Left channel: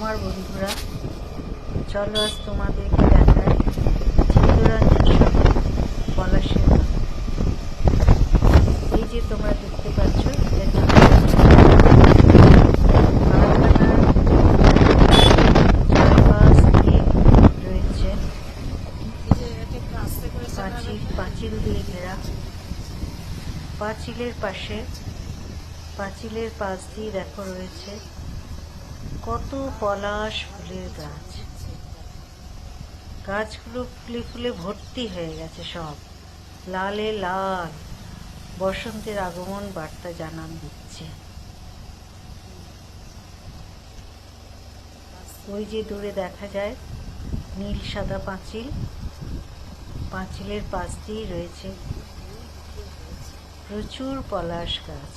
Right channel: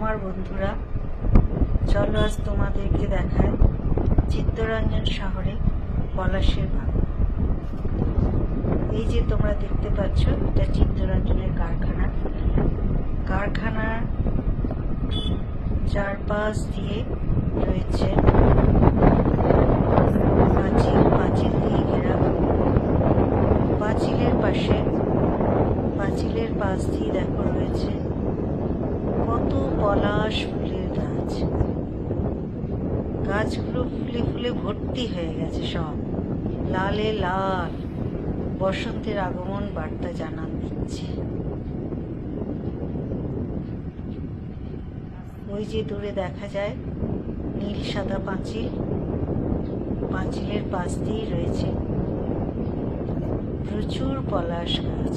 আমার বন্ধুরা, চলো আজ তোমাদেরকে দেখাই চিত্তরঞ্জন শহরে পলাশের বাগান। এই যে তোমরা দেখতে পাচ্ছ, এটা চিত্তরঞ্জন কারখানার চারপাশ দিয়ে রয়েছে পাঁচিল দিয়ে ঘেরা। পাঁচিলের পাশ দিয়ে দেখো রয়েছে কত পলাশ ফুলের গাছ। গাছগুলো ফুলে ফুলে ভর্তি হয়ে গেছে, সব লালে লাল, বসন্তের আগমন বার্তা জানান দিচ্ছে। ওই যে দূরে দেখা যায় নীল সাদা পাঁচিল, পাঁচিলের পাশ দিয়ে রয়েছে প্রচুর পলাশ গাছ।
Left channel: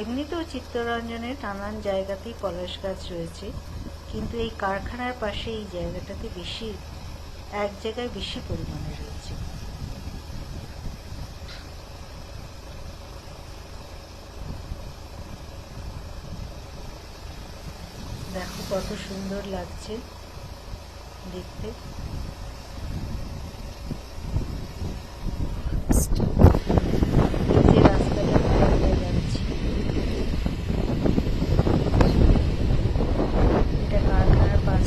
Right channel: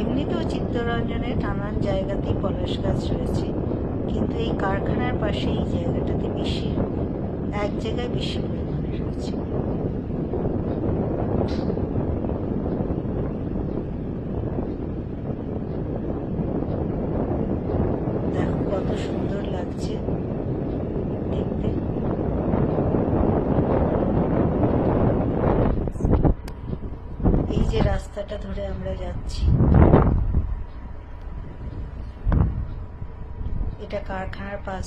এমনিতেও চিত্তরঞ্জনের নানান জায়গাতেই পলাশ গাছ রয়েছে, কিন্তু এই কারখানার পাশে এই জায়গাটাতে এক জায়গায় বেশি পরিমাণে রয়েছে। দেখো কত সুন্দর লাগছে দেখতে। এই যে রাস্তাটা ধরে আমরা যাচ্ছি, এটা কারখানার পাশ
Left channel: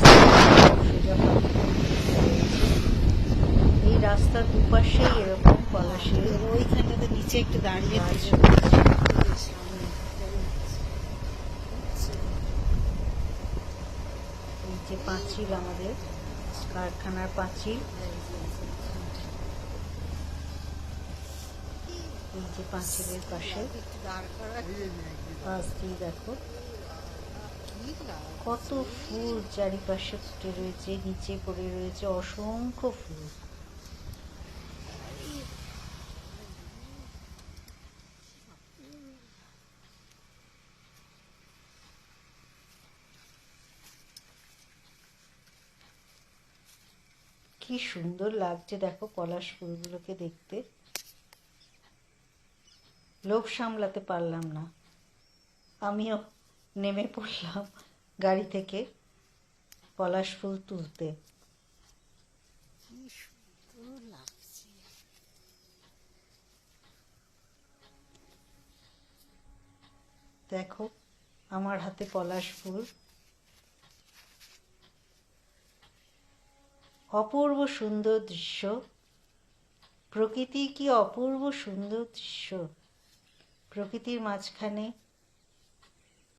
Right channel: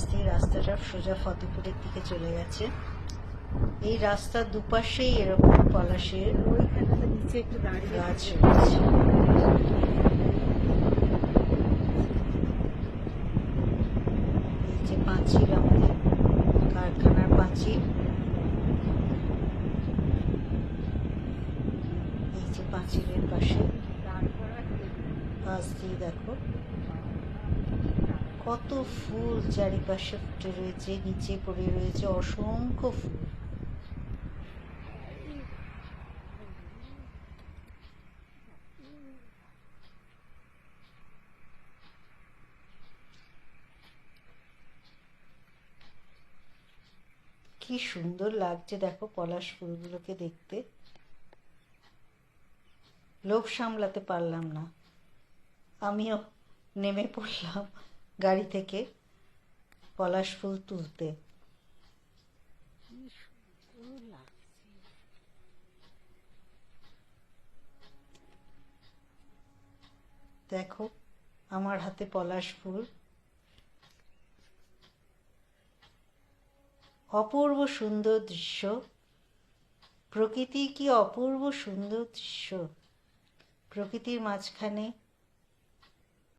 সোজা ফতেপুর দিকে চলে গেছে। এই রাস্তার দুপাশেই এরকম পলাশের ওইখানটাতে নিচে একটু দাঁড়িয়ে গাছ রয়েছে। এই যে পাঁচিল, আমাদের কারখানার পাঁচিল। এই যে পাঁচিলের পাশে পাশ দিয়ে দেখো কত ফুল চারিপাশে ফুটে রয়েছে, নিচে পড়ে রয়েছে অসংখ্য ফুল। কি সুন্দর লাগছে দেখো পলাশ ফুলগুলোকে দেখতে। লোভ সামলাতে পারলাম না, আমিও নেমে পড়লাম গাড়ি থেকে পলাশ ফুল তুলতে। দেখো আমার হাতে পলাশ ফুল। অপূর্ব সুন্দর দৃশ্য, প্রকৃতি কি অপূর্ব সুন্দর দৃশ্য। প্রকৃতির মাঝখানে